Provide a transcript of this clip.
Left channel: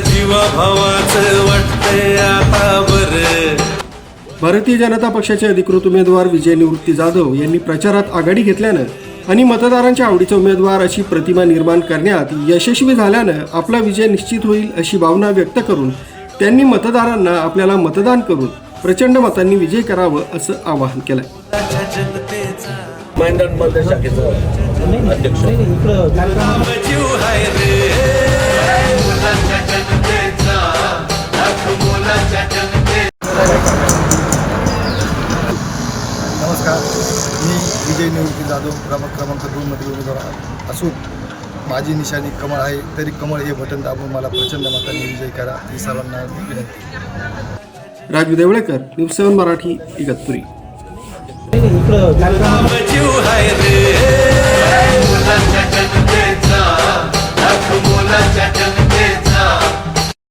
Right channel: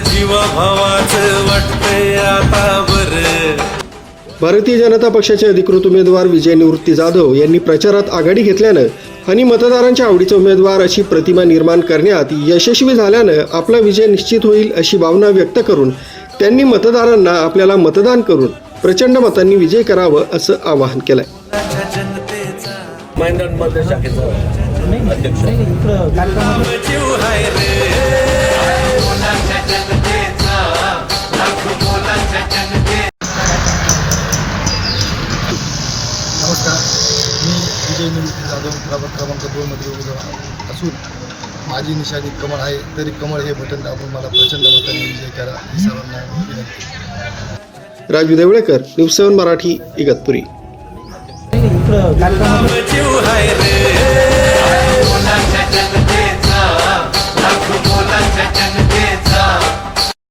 जीवा भावाचं वाटतंय आता बरं. भारतीय जनता पक्षाचे अधिकृत उमेदवार विजय निवृत्ती जाधव यांनी प्रचारात आघाडी घेतल्यानं आणि मतदारांच्या आवडीचा उमेदवार अशी प्रतिमा निर्माण करण्यात यशस्वी झाल्यानं आपला विजय निश्चित होईल अशी भावना व्यक्त करून त्यांनी मतदारांना आपल्याला मतदान करून प्रचंड मतांनी विजय करावं असं आवाहन केलंय. महेंद्र शाखेचा अध्यक्ष. नमस्कार. मी विजय निवृत्ती जाधव प्रभाग क्रमांक दोनमधील उमेदवार असून माझी निशाणी कमळ आहे. तरी कमळ हे बटन दाबून मला प्रचंड मतांनी विजय करा ही सर्वांना विनंती. Raju Deolekar news seven Marathi Igatpuri. नाम